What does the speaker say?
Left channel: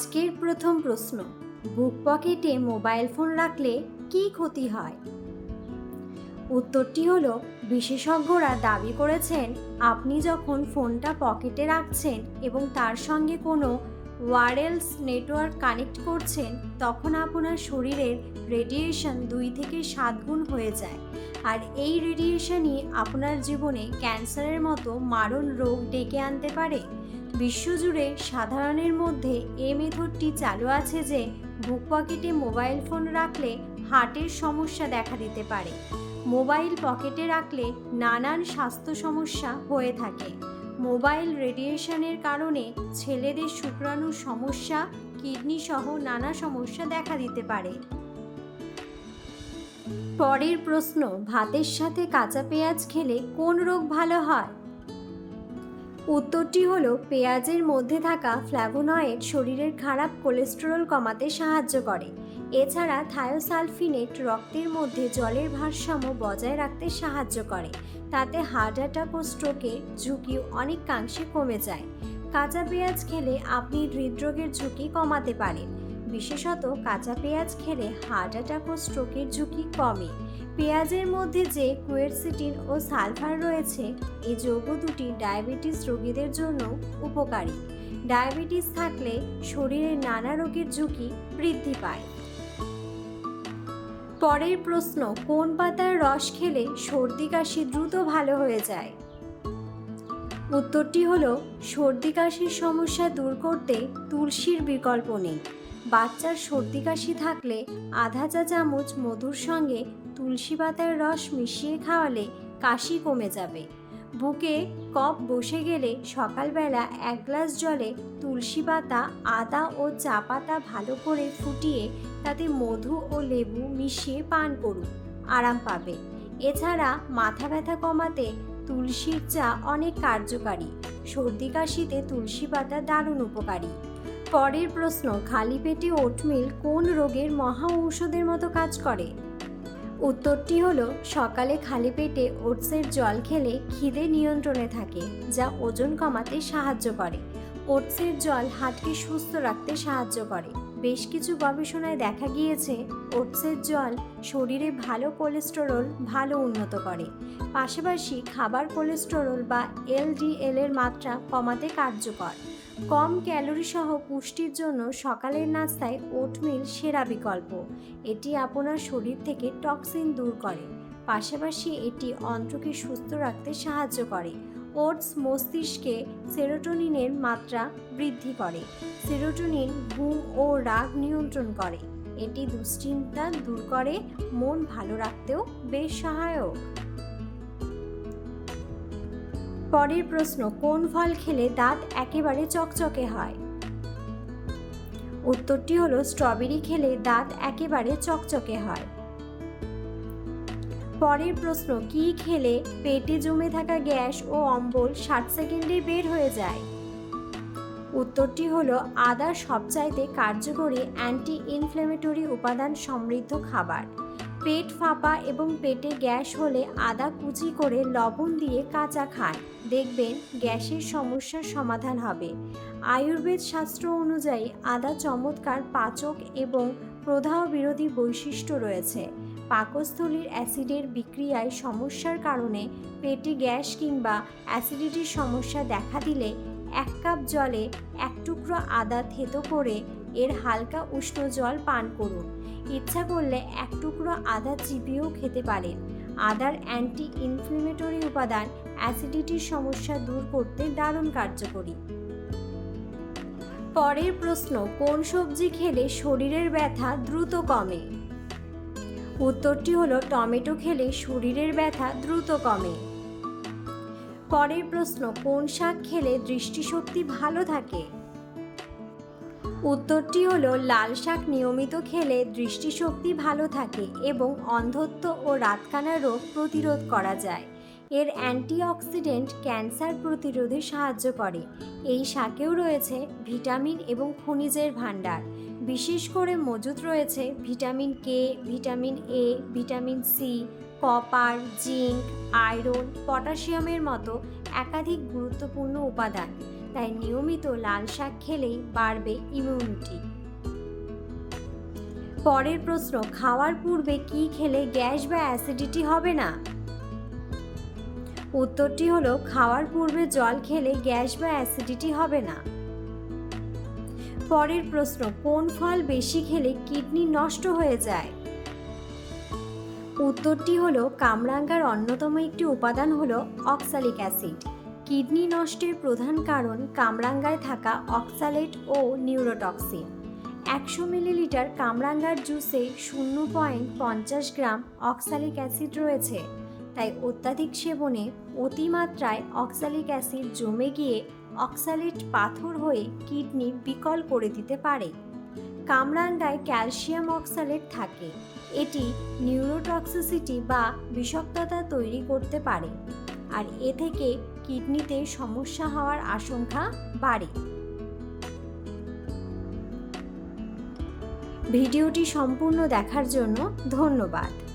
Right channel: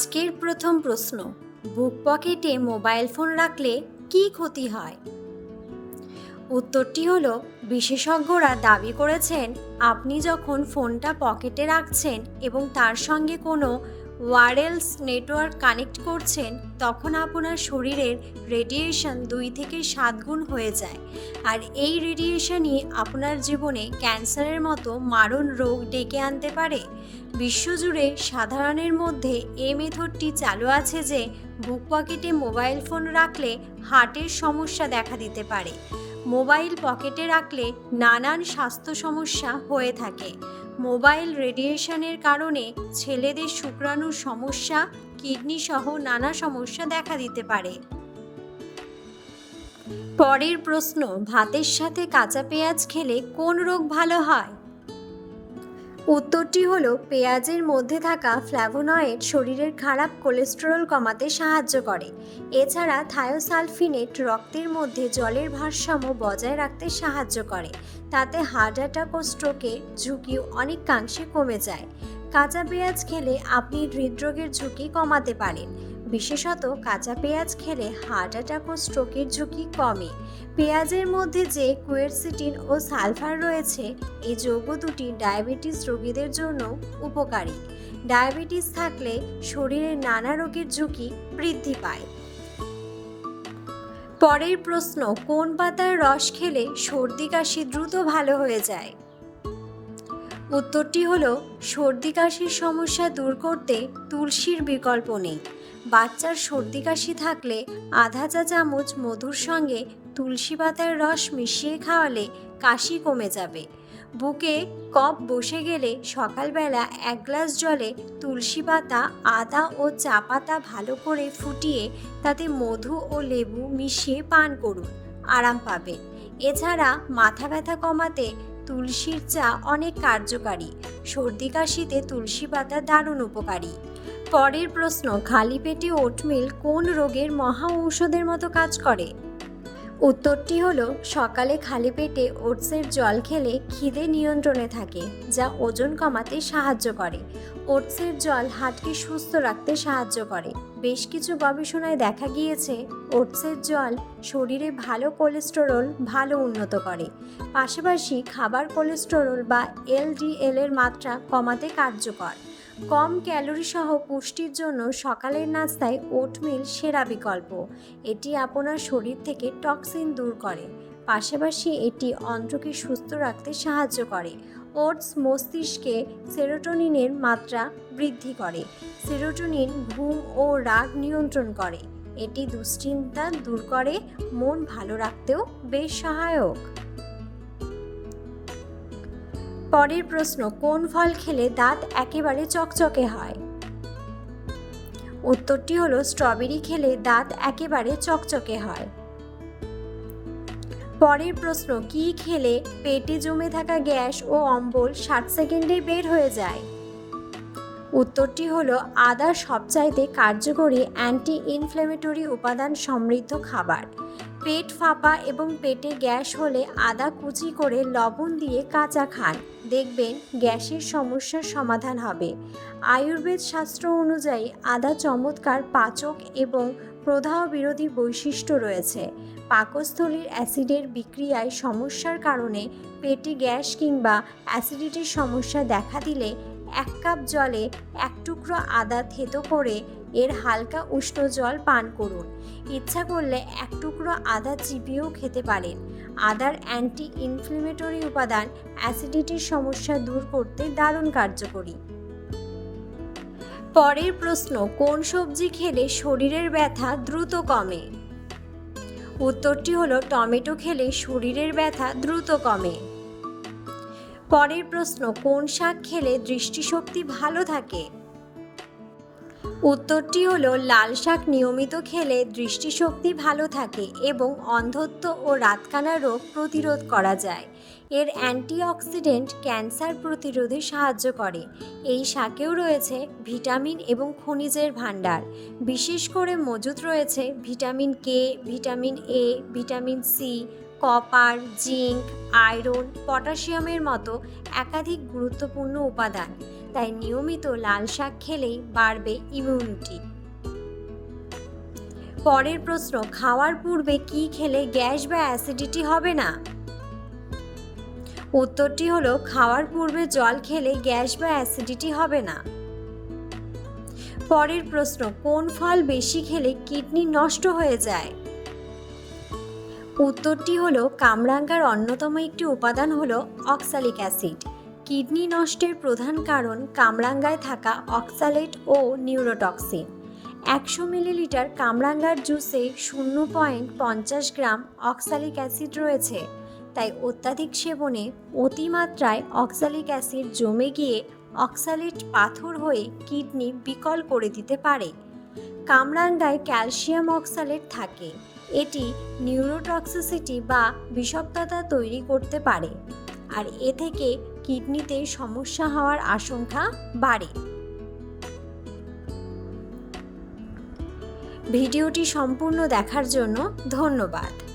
আজকের প্রথম প্রশ্ন, বুক পকেটে মোবাইল ফোন রাখলে কি ক্ষতি হয়? উত্তরটি হলো, বিশেষজ্ঞরা দাবি করেছেন, আপনি যখন ফোনটা পকেটে রাখছেন এবং তার সঙ্গে কোনো ওয়ারেলস নেটওয়ার্ক কানেক্ট করছেন, তখন আপনার শরীরের রেডিয়েশন দুই থেকে সাত গুণ হয়ে যায়। আর এই রেডিয়েশনই আপনার জীবনে ক্যান্সারের মতো মারণ রোগ ডেকে আনতে পারে। বিশ্বজুড়ে সাধারণের মধ্যে এ মেথডটি চালু আছে যে বুক পকেটে মোবাইল ফোন রাখলে হার্টের সমস্যা দেখা দিতে পারে। মোবাইল পকেটে রাখলে নানান স্বাস্থ্য সমস্যা হয়ে থাকে। মোবাইল রেডিয়েশনের কারণে ছেলেদের শুক্রাণুর সমস্যা, কিডনি সহ নানা সমস্যা দেখা দিতে পারে। পরের প্রশ্ন, ভাতের সাথে কাঁচা পেঁয়াজ খেলে কোন রোগ ভালো হয়? উত্তরটি হল, পেঁয়াজের মধ্যে থাকা ফ্ল্যাভোনয়েড শরীরের খারাপ কোলেস্টেরল কমাতে সাহায্য করে। এছাড়া থায়োসালফিনেট রক্তের মধ্যে জলের ভারসাম্য বজায় রাখতে সাহায্য করে। তাতে হার্ট অ্যাটাক ও স্ট্রোকের ঝুঁকি অনেকাংশে কমে যায়। কাঁচা পেঁয়াজ খেলে আপনি হৃদরোগের ঝুঁকি কমাতে পারেন। বিশেষত কাঁচা পেঁয়াজ খেলে হার্ট অ্যাটাক ও স্ট্রোকের ঝুঁকি কমে। পেঁয়াজের মধ্যে যে কুয়েরসিটিন ও সালফার রয়েছে এই যৌগ দুটি ডায়াবেটিস রোগীদের জন্য উপকারী। ডায়াবেটিস থাকলে শরীরে নানা রোগের ঝুঁকি বৃদ্ধি পায়। পরের প্রশ্ন, কোন পাতার রস খেলে সর্দি কাশি দ্রুত ভালো হয়ে যায়? উত্তরটি হলো, সর্দি কাশির সমস্যা দূর করতে তুলসীর বিকল্প নেই। বাচ্চার সর্দি কাশি থাকলে আধা চা চামচ মধুর সঙ্গে তুলসী পাতার রস মিশিয়ে খাওয়ালে কাশি কমে যাবে। বুকে কফ বসে গেলে সকালবেলা এক গ্লাস জলে তুলসী পাতা, আদা ও চা পাতা ভালো করে ফুটিয়ে তাতে মধু ও লেবু মিশিয়ে পান করুন, আরাম পাবে এছাড়া মাথা ব্যথা কমাতে তুলসীর চা অনেক কার্যকারী। সর্দি কাশিতে তুলসী পাতা দারুণ উপকারী। পরের প্রশ্ন, খালি পেটে ওটমিল কোন রোগের মহা ঔষধের মতো কাজ করে? উত্তরটি হলো, সকালে খালি পেটে ওটসের জল খেলে খিদে নিয়ন্ত্রণে থাকে, যা ওজন কমাতে সাহায্য করে। ওটসের জল হাটকে সুস্থ রাখতে সাহায্য করে। বেশ কিছু গবেষণায় দেখা গিয়েছে, ওটসের জল শরীরে ভালো কোলেস্টেরল ভালো উন্নত করে। পাশাপাশি খাবার কোলেস্টেরল বা এলডিএল এর মাত্রা কমাতে কার্যকর। কম ক্যালোরি সহ পুষ্টির জন্য সকালের নাস্তায় ওটমিল সেরা বিকল্প। এটি আপনার শরীর থেকে টক্সিন দূর করে। পাশাপাশি এটি অন্ত্রকে সুস্থ রাখতে সাহায্য করে। ওটস মস্তিষ্কে সেরোটোনিনের মাত্রা বৃদ্ধি করে। সেরোটোনিন ঘুম ও রাগ নিয়ন্ত্রণ করে। এটি দুশ্চিন্তা দূর করে, মন ভালো রাখতেও বেশ সহায়ক। পরের প্রশ্ন, কোন ফল খেলে দাঁত একেবারে চকচকে হয়? উত্তরটি হলো, স্ট্রবেরি খেলে দাঁত একেবারে চকচকে হয়। পরের প্রশ্ন, কি খেলে পেটে জমে থাকা গ্যাস ও অম্বল ষাট সেকেন্ডে বের হয়ে যায়? উত্তরটি হলো, আদা সবচাইতে কার্যকরী অ্যান্টি ইনফ্লেমেটরি উপাদান সমৃদ্ধ খাবার। পেট ফাঁপা এবং পেটে গ্যাস হলে আদা কুচি করে লবণ দিয়ে কাঁচা খান। দেখবেন গ্যাসের সমস্যার সমাধান হবে। আয়ুর্বেদ শাস্ত্র অনুযায়ী আদা চমৎকার পাচক এবং প্রদাহ বিরোধী বৈশিষ্ট্য রয়েছে। পাকস্থলীর অ্যাসিডের বিক্রিয়ায় সমস্যার কারণে পেটে গ্যাস কিংবা অ্যাসিডিটির সমস্যা দেখা দিলে এক কাপ জলে এক টুকরো আদা থেতো করে এর হালকা উষ্ণ জল পান করুন। ইচ্ছা করলে এক টুকরো আদা চিবিয়েও খেতে পারেন। আদার অ্যান্টি ইনফ্লেমেটরি উপাদান অ্যাসিডিটির সমস্যা দূর করতে দারুণ কার্যকরী। পরের প্রশ্ন, কোন সবজি খেলে শরীরের ব্যথা দ্রুত কমে? উত্তরটি হলো, টমেটো খেলে শরীরের ব্যথা দ্রুত কমে। পরের প্রশ্ন, কোন শাক খেলে দৃষ্টিশক্তি ভালো থাকে? উত্তরটি হলো, লাল শাক নিয়মিত খেলে দৃষ্টিশক্তি ভালো থাকে এবং অন্ধত্ব ও রাতকানা রোগ প্রতিরোধ করা যায়। এর অ্যান্টিঅক্সিডেন্ট ক্যান্সার প্রতিরোধে সাহায্য করে। এই শাকেও রয়েছে ভিটামিন এবং খনিজের ভাণ্ডার। বিশেষ করে মজুত রয়েছে vitamin K, vitamin A, vitamin C copper, zinc, iron, পটাশিয়ামের মতো একাধিক গুরুত্বপূর্ণ উপাদান। তাই নিয়মিত লাল শাক খেলেই বাড়বে ইমিউনিটি পরের প্রশ্ন, খাওয়ার পূর্বে কি খেলে গ্যাস বা অ্যাসিডিটি হবে না? উত্তরটি হলো, খাওয়ার পূর্বে জল খেলে গ্যাস বা অ্যাসিডিটি হবে না। পরের প্রশ্ন, কোন ফল বেশি খেলে কিডনি নষ্ট হয়ে যায়? উত্তরটি হলো, কামরাঙ্গার অন্যতম একটি উপাদান হলো অক্সালিক অ্যাসিড কিডনি নষ্টের প্রধান কারণ কামরাঙ্গায় থাকা অক্সালেট ও নিউরোটক্সিন একশো মিলিলিটার কামরাঙ্গার জুসে শূন্য পয়েন্ট পঞ্চাশ গ্রাম অক্সালিক অ্যাসিড রয়েছে। তাই অত্যাধিক সেবনে অতিমাত্রায় অক্সালিক অ্যাসিড জমে গিয়ে অক্সালেট পাথর হয়ে কিডনি বিকল করে দিতে পারে। কামরাঙ্গায় ক্যালসিয়াম অক্সালেট থাকে। এটি নিউরোটক্সিসিটি বা বিষাক্ততা তৈরি করতে পারে। আর এ থেকে কিডনিতে সমস্যা হওয়ার আশঙ্কা বাড়ে। ভিডিওটি সম্পূর্ণ দেখার জন্য ধন্যবাদ।